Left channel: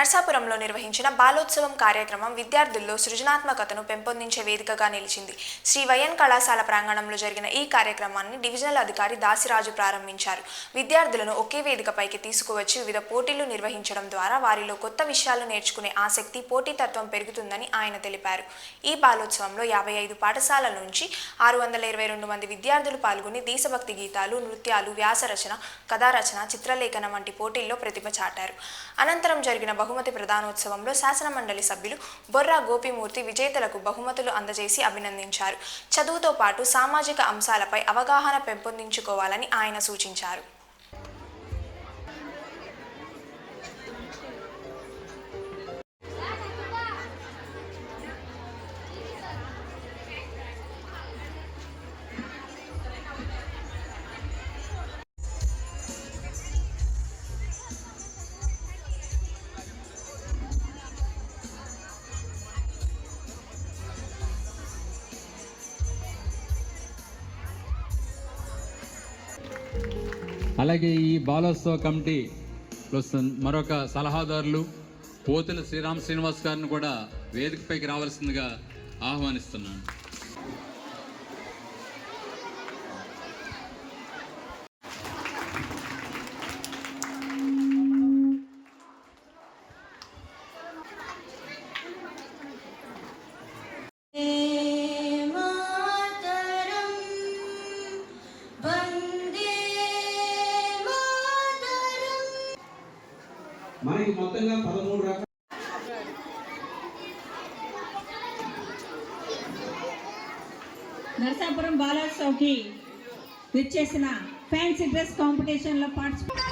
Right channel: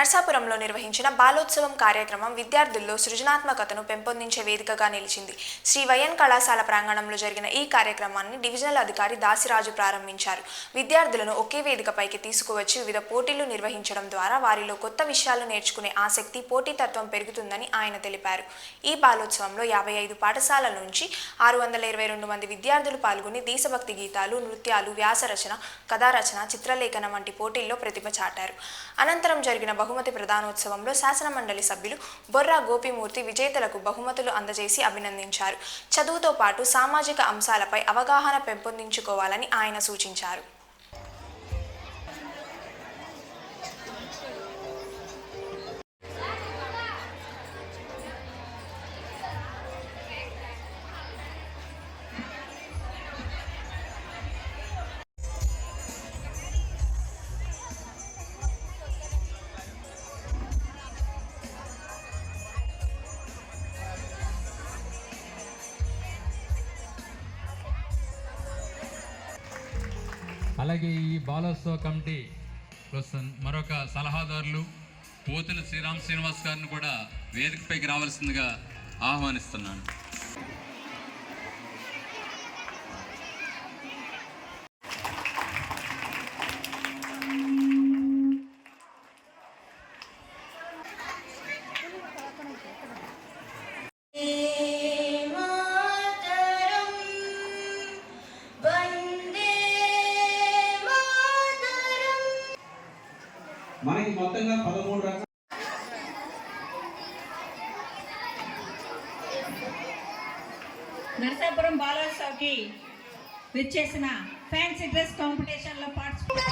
నర్సాపురంలో నిర్వహించిన బాలోత్సవం కార్యక్రమం విద్యార్థుల్లో సృజనాత్మకతను పెంపొందించే వేదికగా నిలిచింది. శ్రీ వైఎన్ కళాశాల ప్రాంగణంలో జరిగిన ఈ కార్యక్రమాన్ని డివిజనల్ అధికారి దాసిరాజు ప్రారంభించారు. విద్యార్థులను ఒకే వేదికపైకి తీసుకువచ్చి వివిధ పోటీలు నిర్వహించడం ద్వారా వారిలో కొత్త విషయాలు నేర్చుకునే ఆసక్తి, పోటీతత్వం పెరుగుతుందని ఆయన తెలిపారు. ఈ బాలోత్సవంలో 55 పాఠశాలల నుంచి 622 మంది విద్యార్థులు పాల్గొని దేశభక్తి గీతాలు, నృత్యాలు, వ్యాసరచన, కథారచన, చిత్రలేఖనం వంటి పోటీల్లో ప్రతిభ చాటారు. అనంతరం జరిగిన బహుమతి ప్రదానోత్సవంలో శాసనమండలి సభ్యులు బొర్రా గోపిమూర్తి విజేతలకు బహుమతులు అందజేసి అభినందించారు. చదువుతో పాటు సామాజిక అంశాలపై అవగాహన పెంపొందించుకోవాలని ఆయన సూచించారు. అలాగే ఈ బాలోత్సవ కమిటీ మరొక సలహాదారులు పోతుల శ్రీరామ్ శ్రీనివాస్ గారిని కూడా వేదికపైకి రావాల్సిందిగా ఆహ్వానిస్తున్నాను. మనకి మొత్తంగా 13 రకాల నర్సాపురం బాలోత్సవ్కి విచ్చేసిన ఫ్యాన్సీ డ్రెస్ కాంపిటీషన్లో పార్టిసిపేట్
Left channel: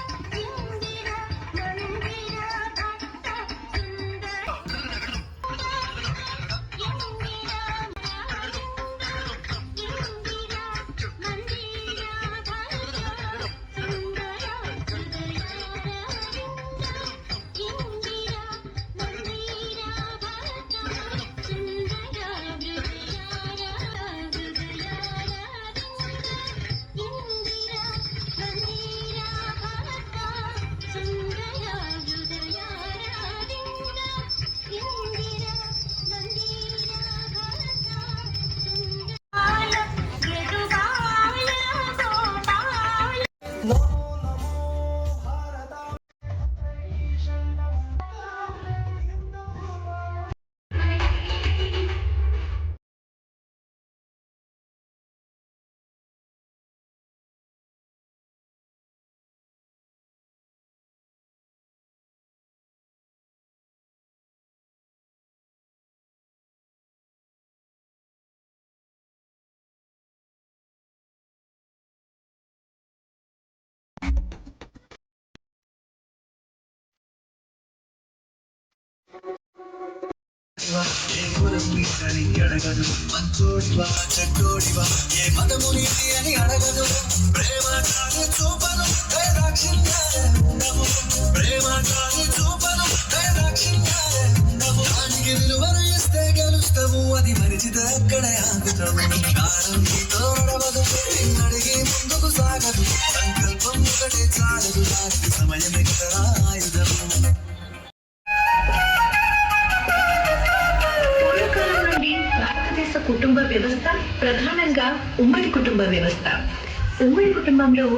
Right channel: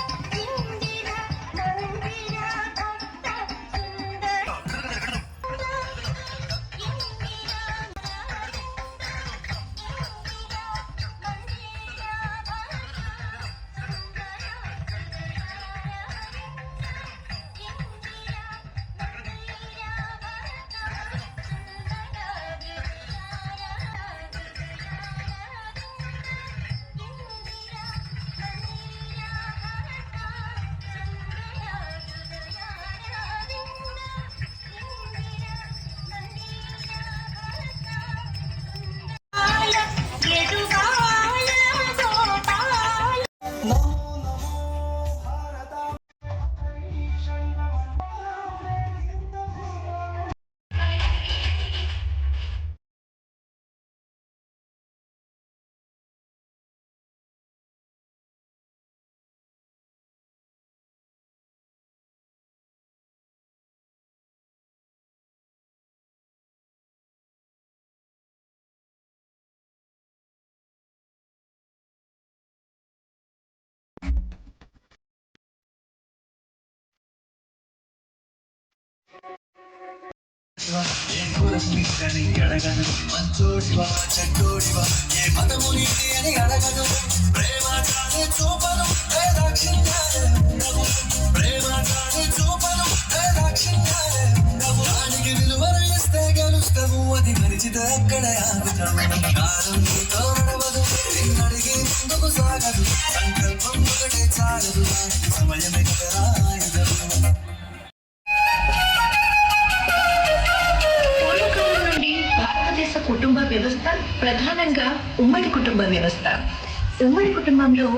మంచోడివా చెడ్డోడివా ఏ మతముని అని అడగదు. ప్రేమ కాని చూపను ప్రేమ కాని చూపను దానికి విలువను ఇస్తే గెలుస్తావు. అది మరిచితే అక్కడే ఆగుతావు. కాలం నీతో నడవదు, అడిగి ముందుకు సాగదు. సంకల్పం ఒకటే చాలదు, దానికి సమయమే కదా ఆయుధము. కుటుంబ వ్యవస్థ ప్రధానంగా ఉమ్మడి కుటుంబ వ్యవస్థ. ఉమ్మడి కుటుంబంలో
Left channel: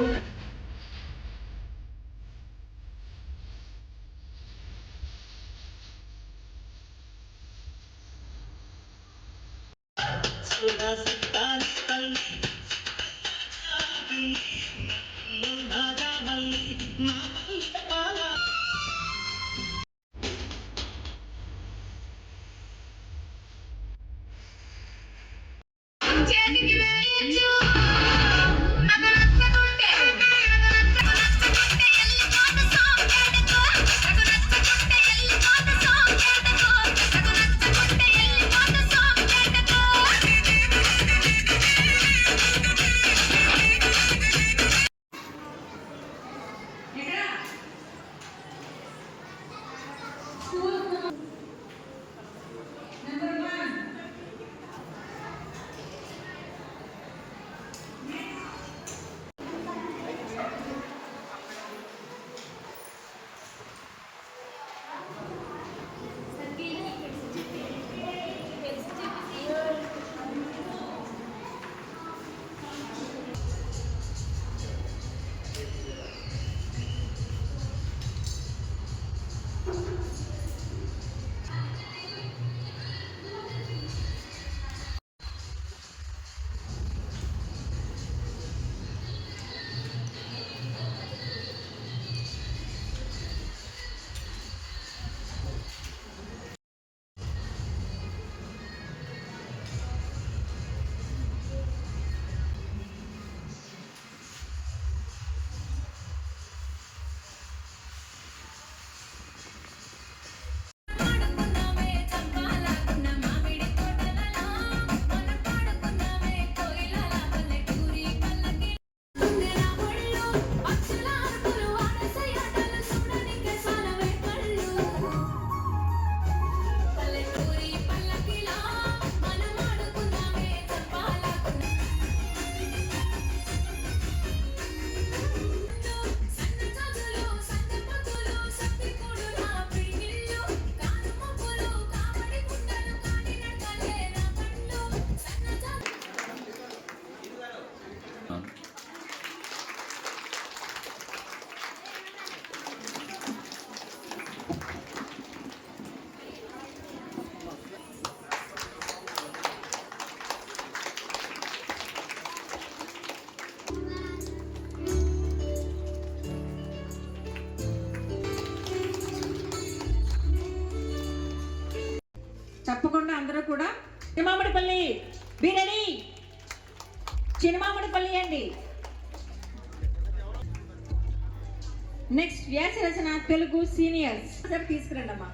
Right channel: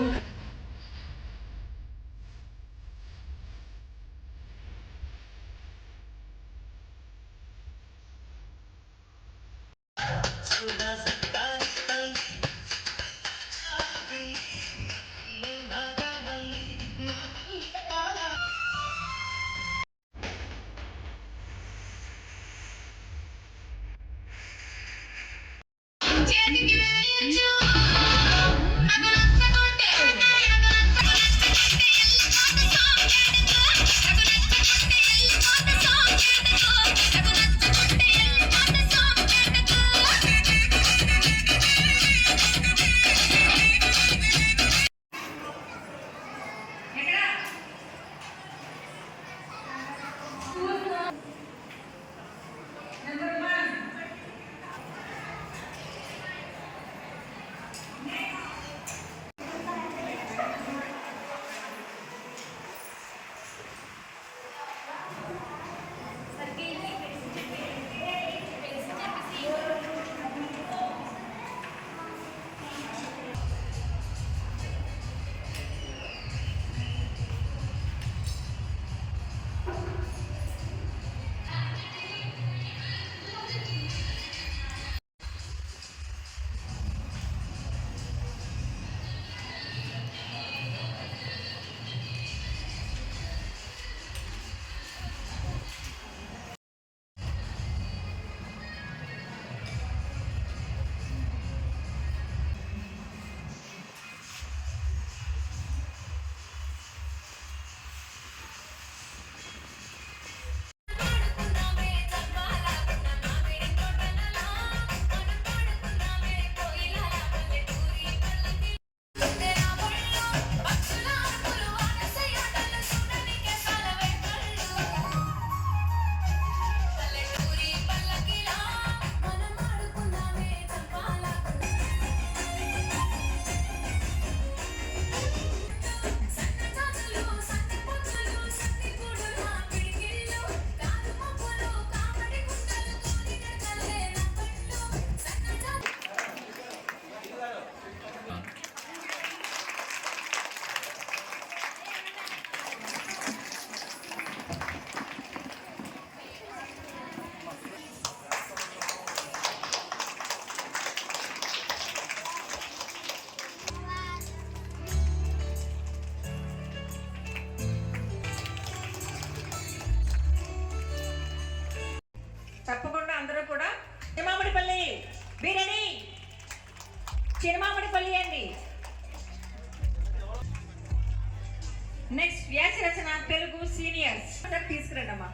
సీనియర్స్ తీసుకురండి అమ్మా.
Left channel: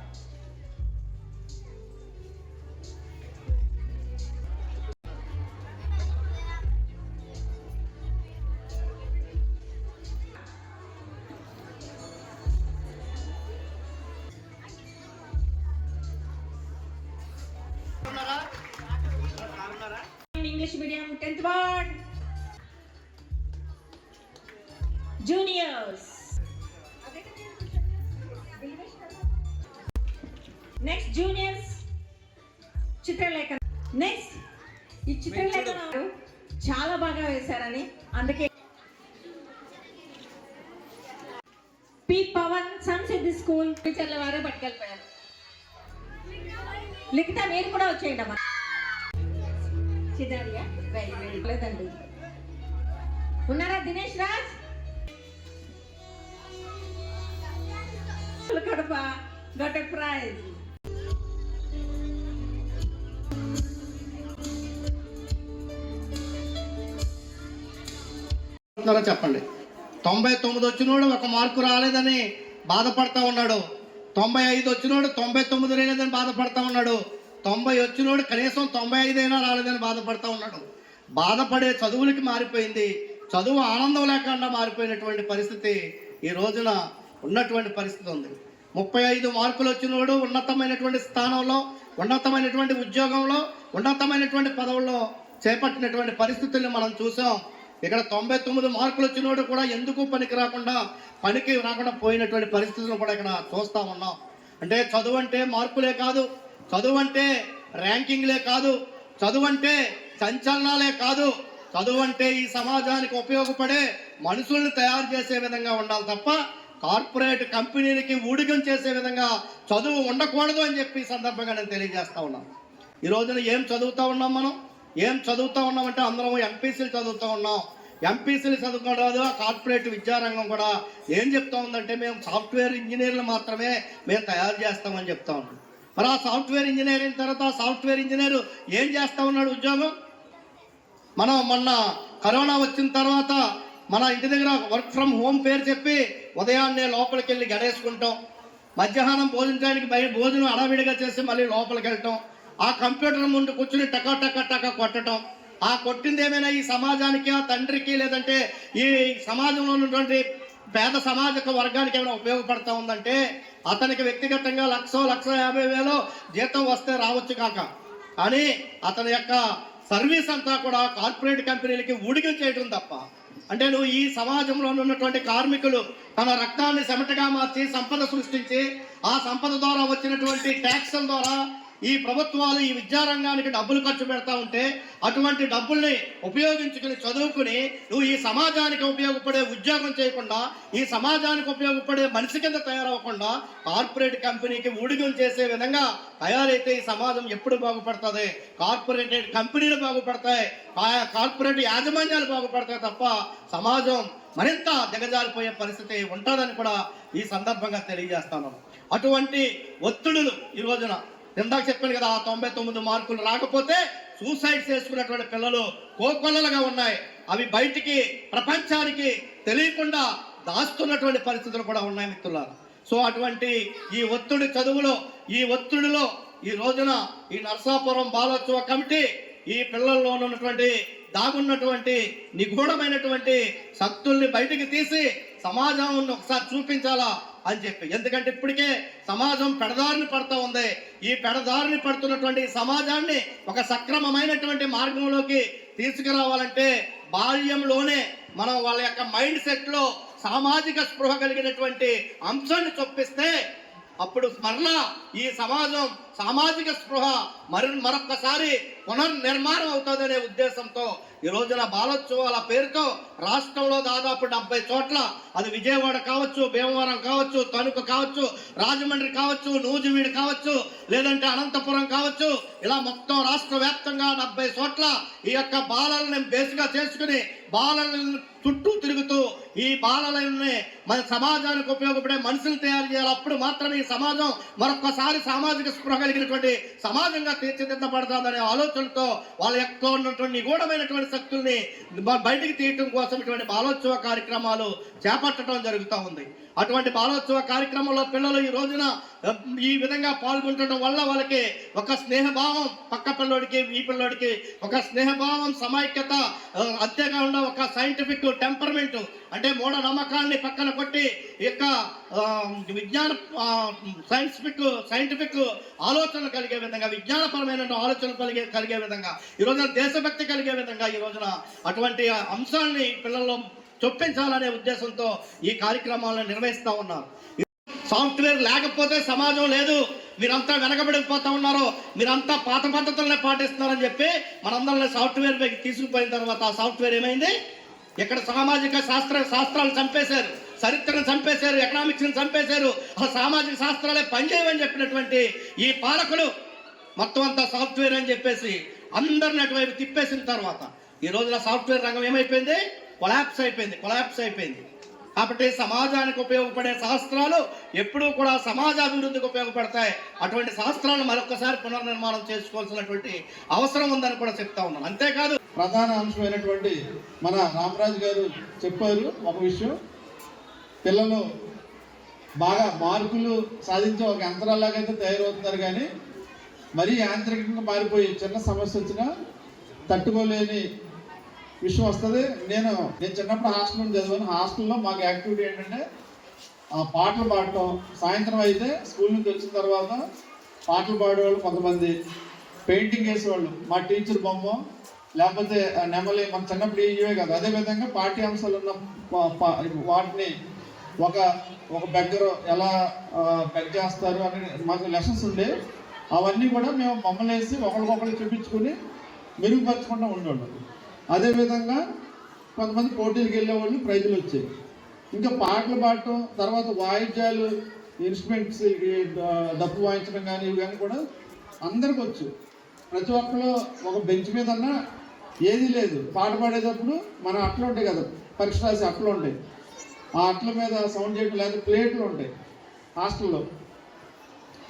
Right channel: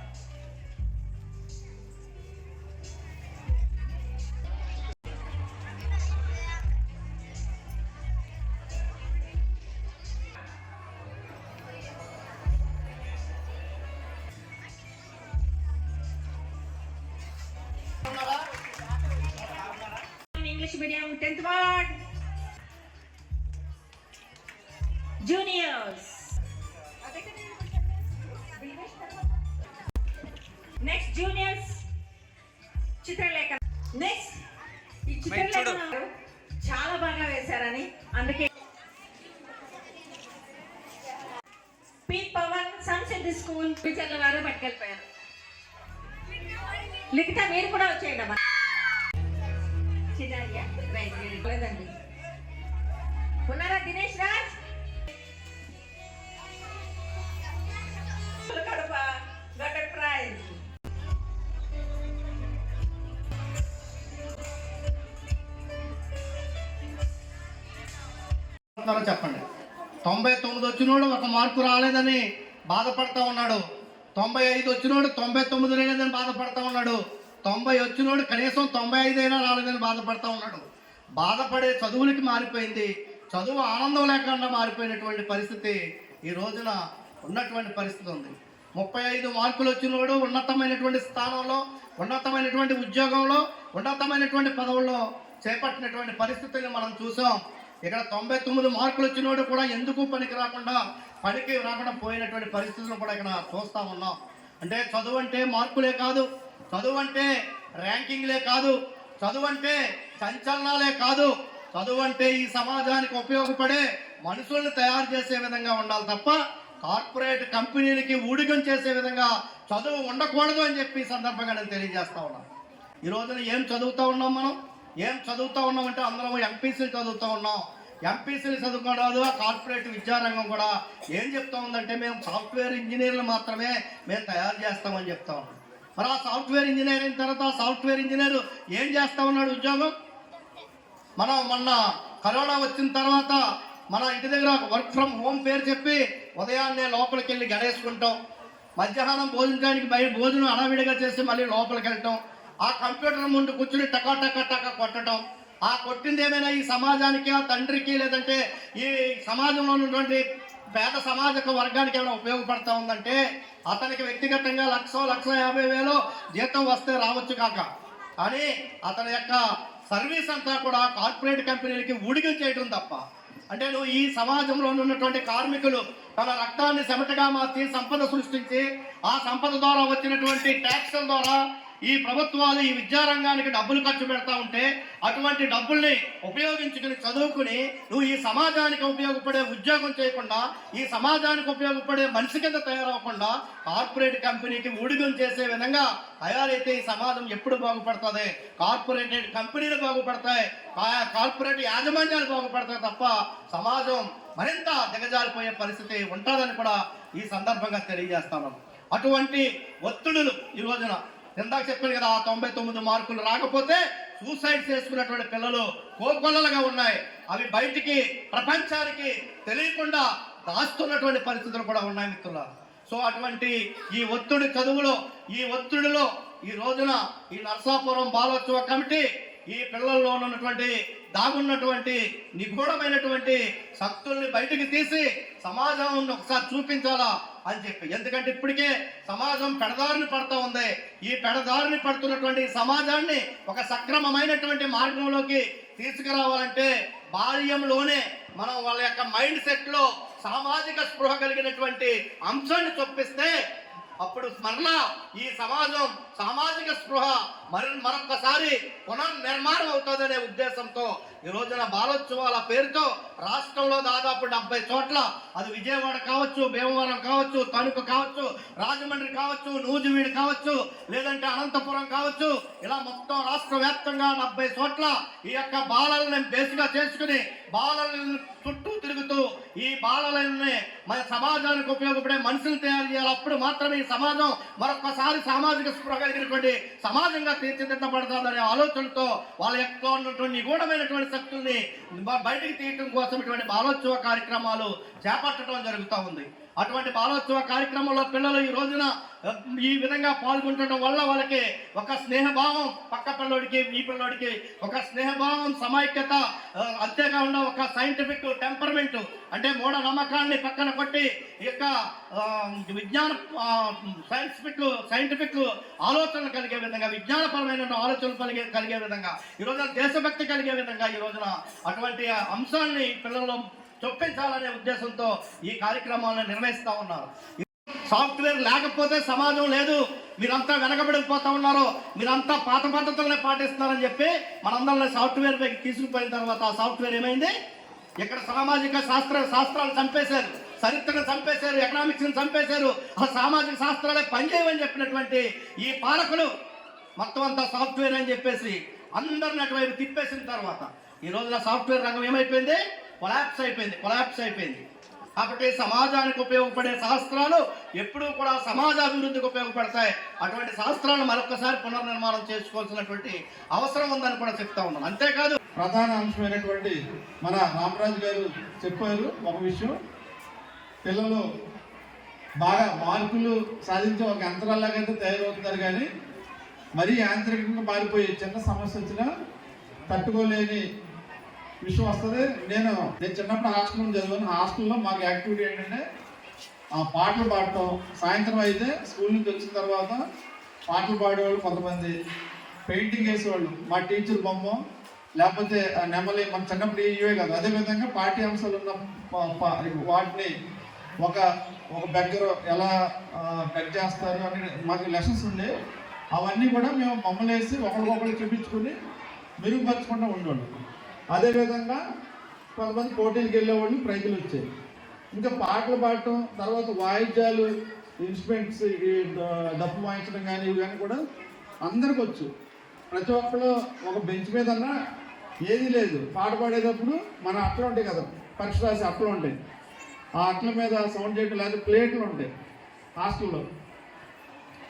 English medium 10th ward juniors. Next juniors Chitralekha. Next ఈ చిత్రలేఖ చాలా బాగా వేశారని అందుకే పి పవన్ సంసిద్ధి స్కూల్ టీచర్ల వారు పట్టుకెళ్ళిపోయారు. లిఖిత మీరు కూడా వచ్చేయండి అమ్మా. చిత్రయ్య లేదండి, ఉన్నారా? Dinesh Raj Kadapa got a prize. చెప్పండి. 99 వచ్చినోడు 1 మార్కు రాలేదని బాధపడతా ఉన్నాడు. 95 వచ్చినోడు 99 రాలేదని బాధపడతా ఉన్నాడు. 90 వచ్చినోడు కనీసం 95 అయినా రాలేదని బాధపడతా ఉన్నాడు. బాధపడే చదువులకి మారిపోయింది. చదువు ఆనందం లేకుండా మారిపోయినటువంటి పరిస్థితి ఈ రోజున ఉన్నటువంటి పరిస్థితి ఉంది. 35 మార్కులు వచ్చినోడు ఉన్నతమైనటువంటి స్థానంలో, ఉన్నతమైనటువంటి ఉద్యోగంలో, ఉన్నతమైనటువంటి పదవుల్లో చేపట్టినటువంటి పరిస్థితుల్ని మనం చూసాం. ఇక్కడ 99 మార్కులు వచ్చినోడు కూడా ఎందుకు పనికి రాకుండా పోయినటువంటి పరిస్థితులను కూడా ఇక్కడ చూస్తూ ఉన్నాం. అంటే చదువు అంటే మార్కులే కాదు, చదువు అంటే ర్యాంకింగ్లే కాదు, చదువు అంటే సంచలనాలే కాదు, చదువు అంటే ఈ సమాజానికి ఉపయోగపడే మనుషుల్ని తయారు చేసే విధంగా ఉండాలి తప్ప కార్పొరేట్ కంపెనీలకి ఊడిగం చేసే విధంగా చదువు ఉండకూడదు అని చెప్పి ఈ సందర్భంగా నేను తెలియజేస్తా ఉన్నాను. ఈ రోజున ఏం చదువుతూ ఉన్నాం మనం? ఏం చదువుతూ ఉన్నాం అంటే అందరం ఎంపీసీలు చదువుతూ ఉన్నాం. ఎంపీసీలు చదువుకోవడం కార్పొరేట్ విద్యారంగం కూడా ఏం చెప్తా ఉందంటే మేము సాఫ్ట్వేర్ ఇంజనీర్లు మాత్రమే మేము తయారు చేస్తామని చెప్తా ఉన్నాం. మరి ఆ సాఫ్ట్వేర్ ఇంజనీర్ అయిన తర్వాత ఆ సాఫ్ట్వేర్ ఇంజనీర్ ఏం చేస్తా ఉన్నాడు ఉద్యోగం? మనం మొన్న కరోనా వచ్చిన తర్వాత మన ఇంటి దగ్గర వర్క్ ఫ్రమ్ హోమ్ పేరు చెప్పి ఉదయాన్నే లోపలికి వెళ్ళి గడేసుకుంటాం, మధ్యాహ్నం భోజనానికి బయట భోజనం అడవిడిగా చేసి మళ్ళీ లోపలికి వెళ్ళటం, ఆ కంప్యూటర్ ముందు కూర్చుని టకా టకా టకా కొట్టడం. ఆ కొట్టింది ఏమైనా ఈ సమాజానికి, ఆ తండ్రికి, లేదంటే ఈ సమాజంలో ఉన్నటువంటి పేద సమాజక వర్గానికి ఏమైనా ఉపయోగపడతా ఉందంటే అతనికి వ్యక్తిగతంగా 1,50,000 జీతం వస్తే రావచ్చు కాక, కానీ అతని యొక్క సర్వీస్ అంతా కూడా కార్పొరేట్ కంపెనీలకి ఊడిగం చేయడం తప్ప. అంటే నువ్వు ఈ సమాజంలో ఉన్నటువంటి కార్మికులు తన రక్తాన్ని చెమటగా మార్చి సంపద సృష్టించి ఆ సంపద ద్వారా వచ్చినటువంటి ట్యాక్స్ల ద్వారా ఈ ప్రభుత్వాలు ఈ విద్యారంగానికి డబ్బులు ఖర్చు పెడతా ఉంటే అటువంటి డబ్బుల్ని ఉపయోగించుకుని చదువుకుని నువ్వు ఈ సమాజానికి ఉపయోగపడే ఉద్యోగం చేయకుండా, ఈ సమాజానికి ఉపయోగపడే మనిషి కింద తయారవకుండా కార్పొరేట్ కంపెనీకి ఊడిగం చేసే విధంగా తయారైతే ఈ సమాజం ఎప్పుడు బాగుపడుతుంది? కార్పొరేట్ కంపెనీలు బాగుపడతాయి, కార్పొరేట్ యాజమాన్యాలు బాగుపడతాయి తప్ప సమాజం మరింత దిగజారిపోయే పరిస్థితి ఉంటుందని కూడా ఈ సందర్భంగా తెలియజేస్తాను. అటువంటి ఒత్తిడులు ఈ రోజున ఇందాక చెప్పాను కదా, ఆ 99 మార్కులు రాకపోతే సూసైడ్ చేసుకున్నటువంటి పిల్లలు కోకొల్లలుగా ఉన్నాయి. అవి బయటికి ప్రపంచానికి తెలియకుండా దాస్తున్నటువంటి పరిస్థితులు కూడా ఉన్నాయి మిత్రులారా. సో అటువంటి ఈ ఒత్తిడి చదువులో, ఈ ఒత్తిడిలో ఈ రోజున ఈ నర్సాపురం బాలోత్సవ కమిటీ ఈ పిల్లల్లో ఉన్నటువంటి దాగున్నటువంటి నిగూఢమైనటువంటి శక్తుల్ని బయటికి తీసి సమాజం ఒకసారి చూపించాలా అని చెప్పి. ఎందుకంటే ఇప్పటికే సమాజం పెడదారిని పడుతూ ఉంది. ఈ పెడదారిని పడుతున్నటువంటి సమాజాన్ని ఒక సక్రమమైనటువంటి మార్గంలోకి తీసుకురావాలంటే బాల్యంలోనే మనం వాళ్ళ యొక్క మైండ్ సెట్ లో సామాజిక స్పృహ కలిగినటువంటి అంశాన్ని చొప్పిస్తే అప్పుడు మరలా ఈ సమాజం సామాజిక స్పృహ మరొక్కసారి పునర్నిర్మాణం అవుతుందనే ఉద్దేశంతో ఈ రోజున బాలోత్సవాల పేరుతో రాష్ట్రంలో దాదాపు 70 చోట్ల, అది విజయవాడ కావచ్చు, భీమవరం కావచ్చు, తణుకు కావచ్చు, రాజమండ్రి కావచ్చు, నూజివీడు కావచ్చు, లేదంటే అనంతపురం కావచ్చు, ఇలా మొత్తం రాష్ట్ర వ్యాప్తంగా 70 చోట్ల ఈ యొక్క బాలలను బేస్గా చేసుకుని బాలలను చుట్టూ తిరుగుతూ ఈ బాలలని మన సమాజానికి ఉపయోగపడే మనుషులు తయారు చేయాలి. అప్పుడు మాత్రమే ఈ సమాజం మరొకసారి సామాజిక స్పృహ కలిగినటువంటి సమాజంగా తీర్చిదిద్దబడతాదనే ఆలోచనతో వాళ్ళ యొక్క ఉన్నటువంటి నిగూఢమైనటువంటి శక్తుల్ని బయటికి తీయటం కోసం ఇటువంటి బాలోత్సవ కార్యక్రమాలు చేపట్టడం జరుగుతూ ఉంది. అటువంటి బాలోత్సవ కార్యక్రమంలో పిల్లలు ఈ రోజున ఈ విధంగా పాల్గొనడం వల్ల వాళ్ళకి ఒక స్నేహభావం, పక్క పిల్లోడికి ఈ పిల్లోడికి ఒక స్నేహభావం, సమైక్యత, అంతేకాకుండా ఒక సైంటిఫిక్ టెంపర్మెంట్ అంటే మూఢ నమ్మకాన్ని పక్కన కొట్టి ఈ యొక్క విజ్ఞాన సైంటిఫిక్ ఆలోచనలు కలిగే విధంగా, విజ్ఞానపరమైన ఆలోచనలు కలిగే విధంగా, ఈ రోజున దేశభక్తి కలిగే విధంగా ఈ రోజున అటువంటి అంశాన్ని పిల్లల్లో చొప్పించాలనే ఉద్దేశంతో ఈ కార్యక్రమాలను నిర్వహిస్తూ ఉన్నారు. సాఫ్ట్వేర్ లేకపోతే సమాజం లేదు, మీరంతా వెనకబడిపోతా ఉన్నారు, మీరంతా పాత పద్ధతులనే పాటిస్తున్నారని చెప్పి మనందరినీ సాఫ్ట్వేర్ పైకి తీసుకుపోయిన తర్వాత ఆ సాఫ్ట్వేర్ ఏమైంది? ఇక్కడ సామాజిక శాస్త్రాలు చంపేశారు, చరిత్రను చంపేశారు, ఎకనామిక్స్ని చంపేశారు, ఆ సామాజిక శాస్త్రాలే పనిచేయమని చెప్పినటువంటి ఈ పాలకులు మొత్తం అంతా సాఫ్ట్వేర్ అని చెప్పేసి అందరిని అటువైపు తిప్పేసిన తర్వాత ఈ రోజున సాఫ్ట్వేర్ రంగం ఏమైపోయింది? కొలాప్స్ అయిపోయింది. కాబట్టి సమాజానికి ఉపయోగపడే శాస్త్రాలు ఎప్పుడూ కూడా సమాజ అభివృద్ధికి ఉపయోగపడతాయి. అటువంటి శాస్త్రాలను మరొకసారి పునర్నిర్మాణం చేసుకోవాల్సినటువంటి అవసరం ఉందని కూడా చెప్తా ఉన్నాను. అంతేకాదు ప్రధాన అంశమైనటువంటి మన రామరాజు గారు చెప్పారు ఒక విషయం, పిల్లలు బాగా మార్కులు సాధించే ఒక యంత్రాలాగైతే తయారవుతున్నారు, కానీ మరీ యాంత్రికంగా మారిపోయి చిన్న సమస్య వచ్చినా తట్టుకోలేని విషయం వస్తుంది. నేను చిన్నప్పుడు హాస్టల్లో చదివాను. హాస్టల్లో మాకు యాక్టివిటీ ఏంటంటే పాటలు పాడటం. సాయంత్రం అయితే స్కూల్ నుంచి వచ్చిన తర్వాత పాటలు పాడేవాళ్ళు కొంతమంది, పెయింటింగ్ వేసేవాళ్ళు, మా టీచర్ బొమ్మ లేకపోతే నెమలి, మన చిన్నప్పుడు ఇవే కాదు. అదేవిధంగా పాఠ్యాంశాలు ఉన్న వాటిని ఒక బెగ్గర ఎలా బెగ్ చేస్తారు అని మాకు లెసన్స్ ఉండే, అవన్నీ కూడా మేము బొమ్మలు వేసి ఒకరికొకరు చూపించుకుని మెరుగుపరచుకుంటూ ఉండేవాళ్ళు. అదేవిధంగా కొంతమంది పోటీలకు వెళ్ళేవాళ్ళు, ప్రైజులు వచ్చాయి. ఇంకా పాటలు పాడటం, తర్వాత వాయిద్యాలు, ఇన్స్ట్రుమెంట్స్, డప్పు వాయించడం కానీ ఇవన్నీ కూడా అందరికి వచ్చు. ప్రతి ఒక్కరు ఒక బెంచ్ మీద అన్నా ఏదీ లేదు. పాట పాడేటప్పుడు మన అట్టలు ఉంటాయి కదా, పరీక్ష రాసి అట్టలు ఉంటాయి, ఆ అట్ల మీద సౌండ్ చేయడం, లేదా ప్లేట్లు ఉంటాయి హాస్టల్లో,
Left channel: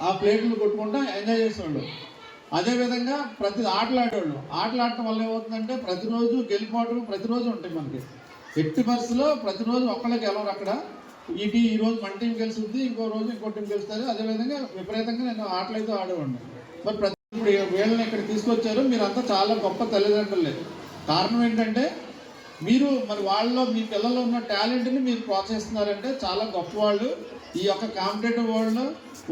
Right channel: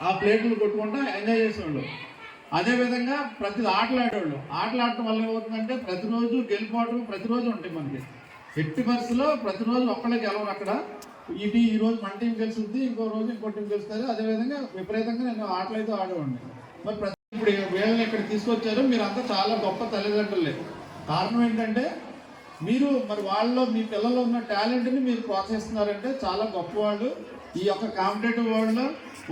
ఆ ప్లేట్లు కొట్టుకుంటూ ఎంజాయ్ చేసేవాళ్ళు. అదేవిధంగా ప్రతి ఆటలు ఆడటం వల్ల ఏమవుతుందంటే ప్రతిరోజు గెలుపోవడం ప్రతిరోజు ఉంటాయి మనకి. ఎట్టి పరిస్థితిలో ప్రతిరోజు ఒక్కళ్ళే గెలవరు. అక్కడ ఈ రోజు మన టీం గెలుస్తుంది, ఇంకో రోజు ఇంకో టీం గెలుస్తుంది. అదేవిధంగా విపరీతంగా నేను ఆటలు అయితే ఆడేవాడిని. మరి ఇప్పుడు వీళ్ళని ఇక్కడ తీసుకొచ్చారు, మీరంతా చాలా గొప్ప తల్లిదండ్రులే. కారణం ఏంటంటే మీరు మరి వాళ్ళలో మీ పిల్లల్లో ఉన్న టాలెంట్ని మీరు ప్రోత్సహిస్తున్నారంటే చాలా గొప్ప వాళ్ళు. ఈ యొక్క కాంపిటేటివ్ వరల్డ్లో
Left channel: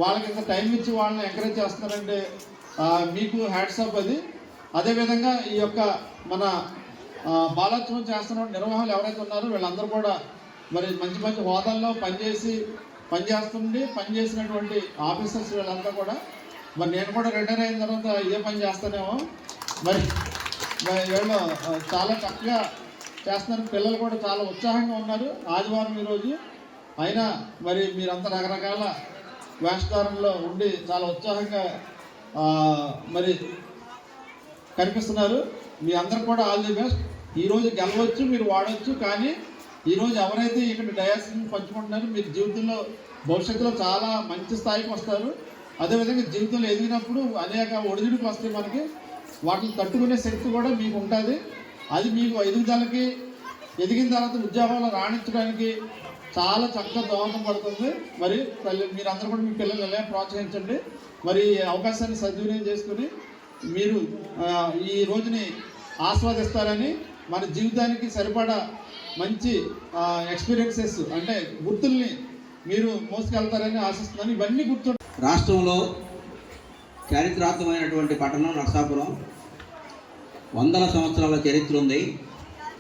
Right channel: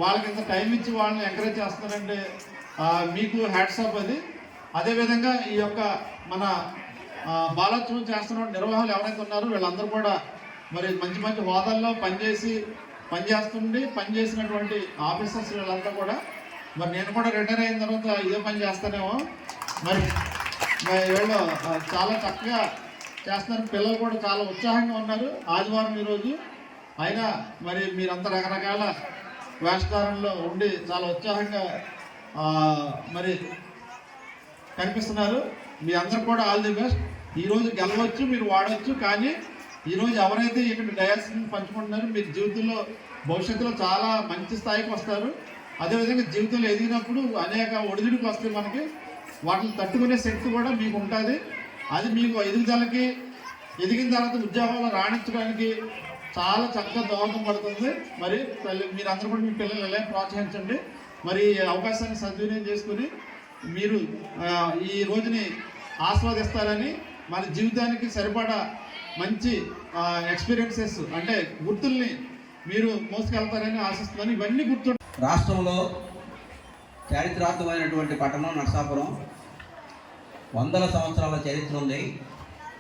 వాళ్ళకి ఇంత టైం ఇచ్చి వాళ్ళని ఎంకరేజ్ చేస్తున్నారంటే మీకు హ్యాట్స్ ఆఫ్ అది. అదేవిధంగా ఈ యొక్క మన బాలోత్సవం చేస్తున్న నిర్వాహకులు ఎవరైతే ఉన్నారో వీళ్ళందరూ కూడా మరి మంచి మంచి హోదాల్లో పనిచేసినటువంటి ఆఫీసర్స్ వీళ్ళందరూ కూడా, మరి నేను కూడా రిటైర్ అయిన తర్వాత ఇదే పని చేస్తానేమో. మరి వీళ్ళు చాలా చక్కగా చేస్తున్నారు, పిల్లలు కూడా చాలా ఉత్సాహంగా ఉన్నారు. ఆదివారం ఈరోజు అయినా మరి మీరంతా రకరకాల వేషధారణలో ఉండి చాలా ఉత్సాహంగా మరి కనిపిస్తున్నారు. మీ అందరూ కూడా ఆల్ ది బెస్ట్. ఈరోజు గెలవచ్చు, మీరు వాడవచ్చు, కానీ ఈరోజు ఎవరైతే ఇక్కడ డయాస్ని పంచుకుంటున్నారో మీరు జీవితంలో భవిష్యత్తులో చాలా మంచి స్థాయికి వస్తారు. అదేవిధంగా జీవితంలో ఎదిగినప్పుడు అనేక ఒడిదుడుకులు వస్తాయి మనకి, వాటిని తట్టుకునే శక్తి కూడా మీకు ఉంటుంది. అది మీకు ఎదుగుదలకి, ఎదిగిన తర్వాత ఉద్యోగంలో రాణించడానికి చాలా చక్కగా దోహదపడుతుంది. మరి మీరందరూ కూడా మీ పిల్లలు ఎలా ప్రోత్సహించండి. మరి అవకాశాన్ని సద్వినియోగం చేసుకుని మీరు ఈ రోజుని ఆస్వాదిస్తారని, మన జీవితానికి సరిపడా మంచి ఎక్స్పీరియన్సెస్ అంటే గుర్తుల్ని మీరు మోసుకెళ్తారని ఆశిస్తున్నాను. ఇవన్నీ గుర్తు. రాష్ట్రంలో చారిత్రాత్మకమైనటువంటి పట్టణం నరసాపురం. 100 సంవత్సరాల చరిత్ర ఉంది.